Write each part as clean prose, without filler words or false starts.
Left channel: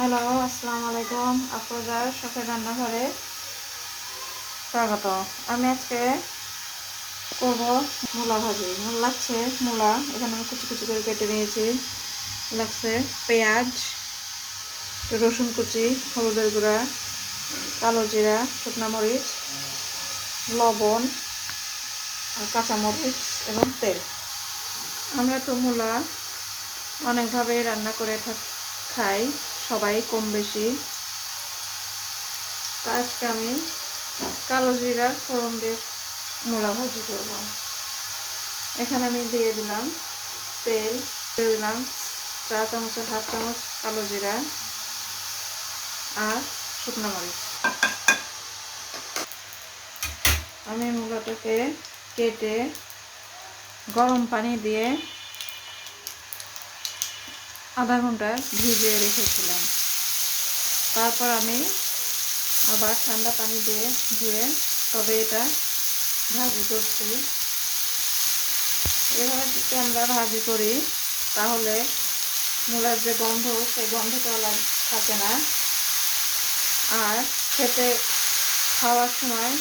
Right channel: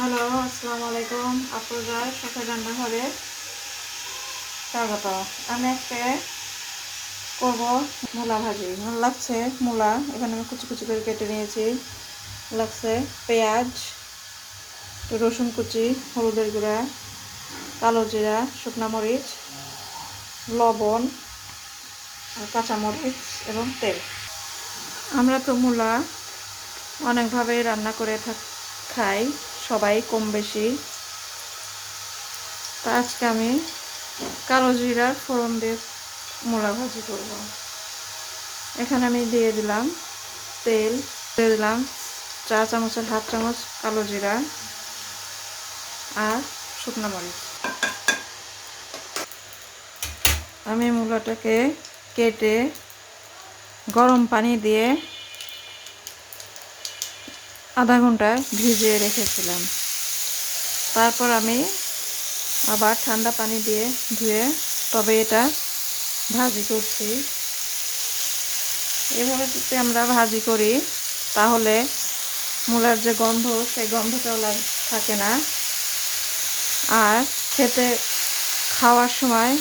Hello, আসসালামু আলাইকুম। আপনাদের শখের রান্নাঘরে স্বাগত। আমি আজকে করব মূলা ভাজি। লাগছে মূলা, এখানে আমি কুচি কুচি করে কেটে নিয়েছি। লাগছে পেঁয়াজ, একটু রসুন কুচি, হলুদের গুঁড়া, কালো জিরা, শুকনো মরিচ, লবণ আর কাঁচামরিচ এবং তেল। আমরা তো মূলা অনেকভাবেই রান্না করে খাই, সবাই কম বেশি। আজকে আমি কালো জিরার ফোড়ন দিয়ে মূলা ভাজি করব। এখানে আমি দিয়ে দিলাম তেল, দিয়ে দিলাম 4 চামচের হাফ চামচ কালো জিরা আর শুকনো মরিচ। আমি মূলাটাকে কেটে গরম পানি দিয়ে আধা ঘন্টা ভিজিয়ে রেখেছিলাম। তারপর আমি আবার ঠান্ডা পানি দিয়ে ধুয়ে তবে এটা ভাজি করছি। এভাবে যদি আমরা ভাজি করি তাহলে মূলার যে গন্ধ, সেই গন্ধটাও থাকে না। আর খেতে খাওয়ার সময়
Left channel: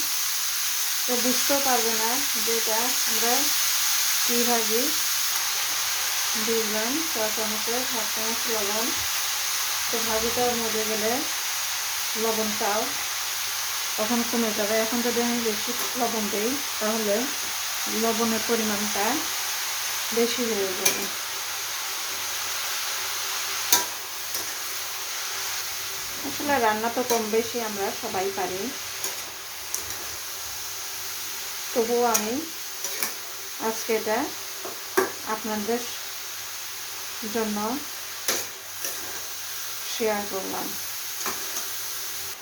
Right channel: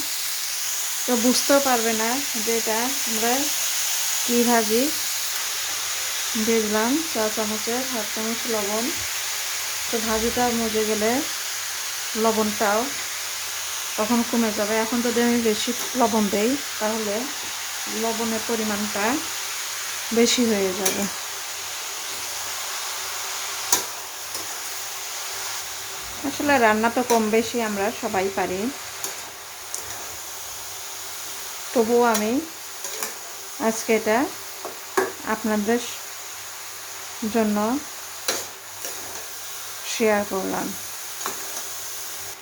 তো বুঝতেও পারবে না যে এটা আমরা কী ভাজি। দিলাম 4 চামচের হাফ চামচ লবণ। তো ভাজিটা মজে গেলে লবণটাও তখন কমে যাবে। এখন যদি আমি বেশি লবণ দিই তাহলে লবণের পরিমাণটা বেশি হয়ে যাবে। আসলে রান্না তো কম বেশি আমরা সবাই পারি, তবুও আমি আজকে এটা আপনাদের জন্য শেয়ার করলাম।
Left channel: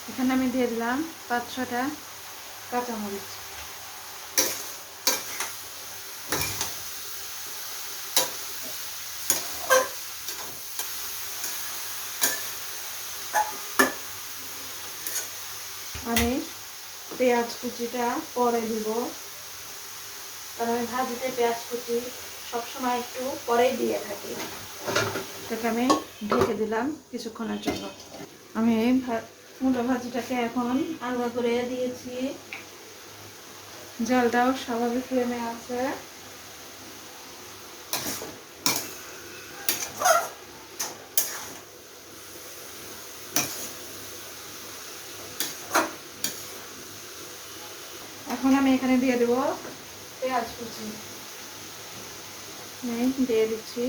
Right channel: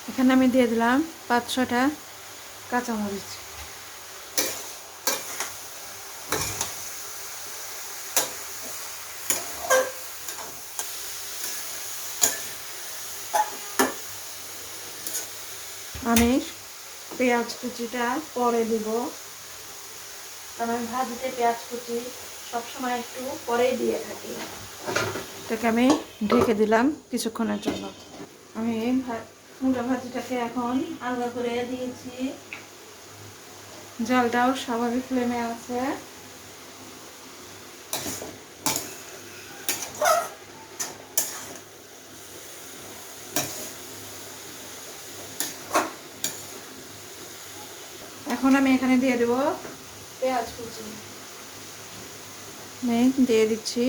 এখানে আমি দিয়ে দিলাম 5-6টা কাঁচামরিচ। আমি পেঁয়াজ কুচিটা পরে দিব, কারণ আমি ভাজিতে পেঁয়াজ কুচি সবসময় একটু পরেই দিয়ে থাকি। তোকে আমি ঢেকে দিলাম কিছুক্ষণের জন্য। আমি মূলা ভাজিটাকে এখন আলগা করে দিয়েছি, জলটাও স্বাভাবিক ফ্লেমে আছে। এখন আমি এখানে দিয়ে দেব পেঁয়াজ কুচি। দিয়ে দিচ্ছি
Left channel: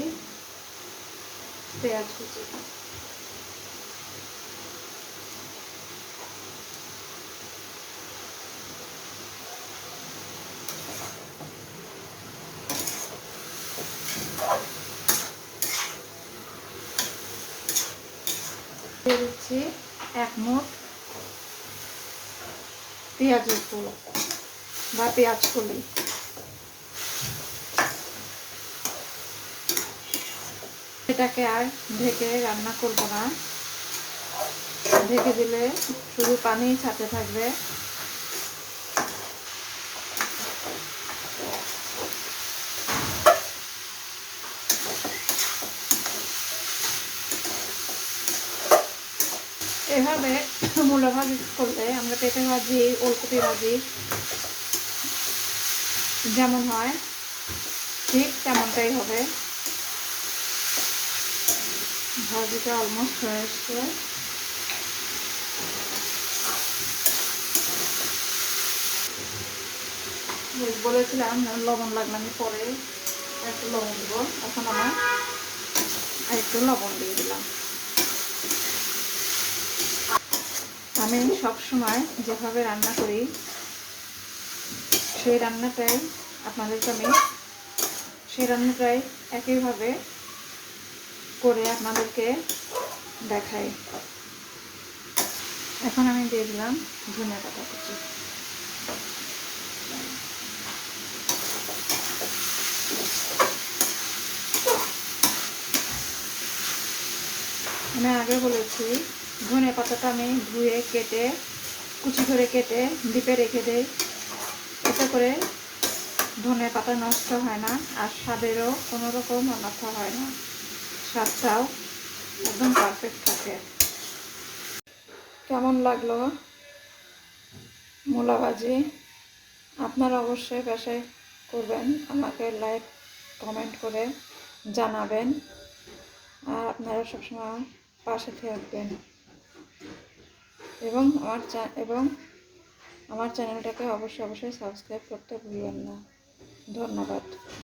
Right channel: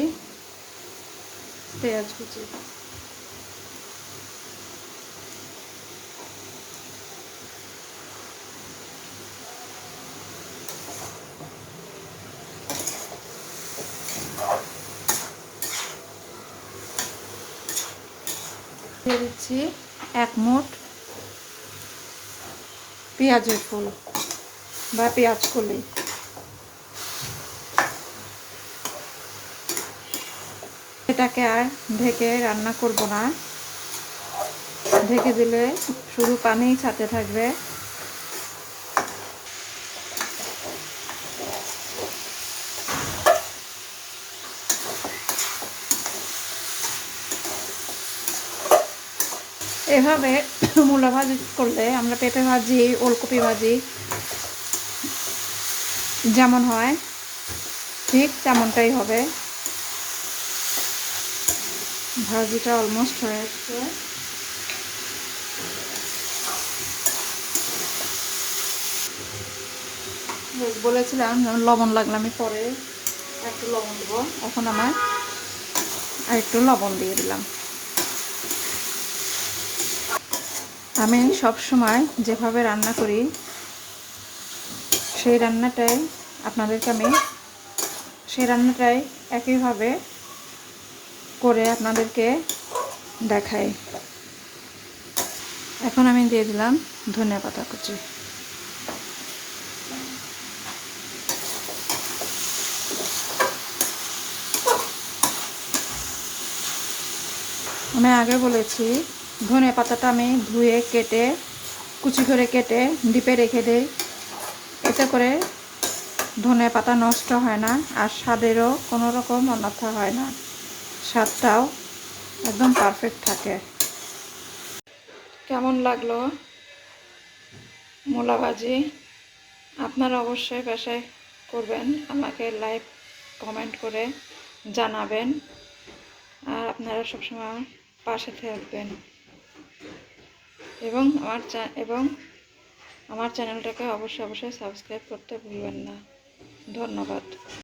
পেঁয়াজ কুচি। দিয়ে দিচ্ছি 1 মুঠ পেঁয়াজের ফুল বা পেঁয়াজ কলি। এটাকে আর ঢেকে রান্না করব না, ঢেকে দিলে শুধু পানিই ছাড়তে থাকবে। এভাবে মূলা ভাজি করলে আমরা পেঁপে ভাজি, ওলকপি ভাজি যেমন হয় ঠিক তেমনটাই হবে। ভাজিটা অলমোস্ট হয়ে আসছে। বলেছিলাম লবণ লাগলে আমি পরে একটু লবণ দেবো, এখন আমার একটু লবণ দিয়ে দিলাম। আমি সবসময় যেভাবে রান্না করি সেই রান্নাটাই একইভাবে করে আপনাদেরকে দেখাই। এখন আমি দিয়ে দিলাম ধনেপাতা কুচি। আমি আগে বলেছি ধনে পাতাটা আমি ধুয়ে কেটে কুচি করে কেটে ডিপে রেখে দেই। এতে করে ধনে পাতা নষ্ট হয় না আর স্বাদেরও কোনো রকম অন্যথা হয় না, স্বাদটাও একদম পারফেক্ট থাকে। কেমন লাগলো মূলা ভাজি আপনারা অবশ্যই বাসায় করবেন, আমাকে লাইক কমেন্ট করে জানাবেন, আর আপনারা সবসময় পাশে থাকবেন এবং আমার চ্যানেলটাকে অবশ্যই সাবস্ক্রাইব করতে ভুলবেন না। ধন্যবাদ।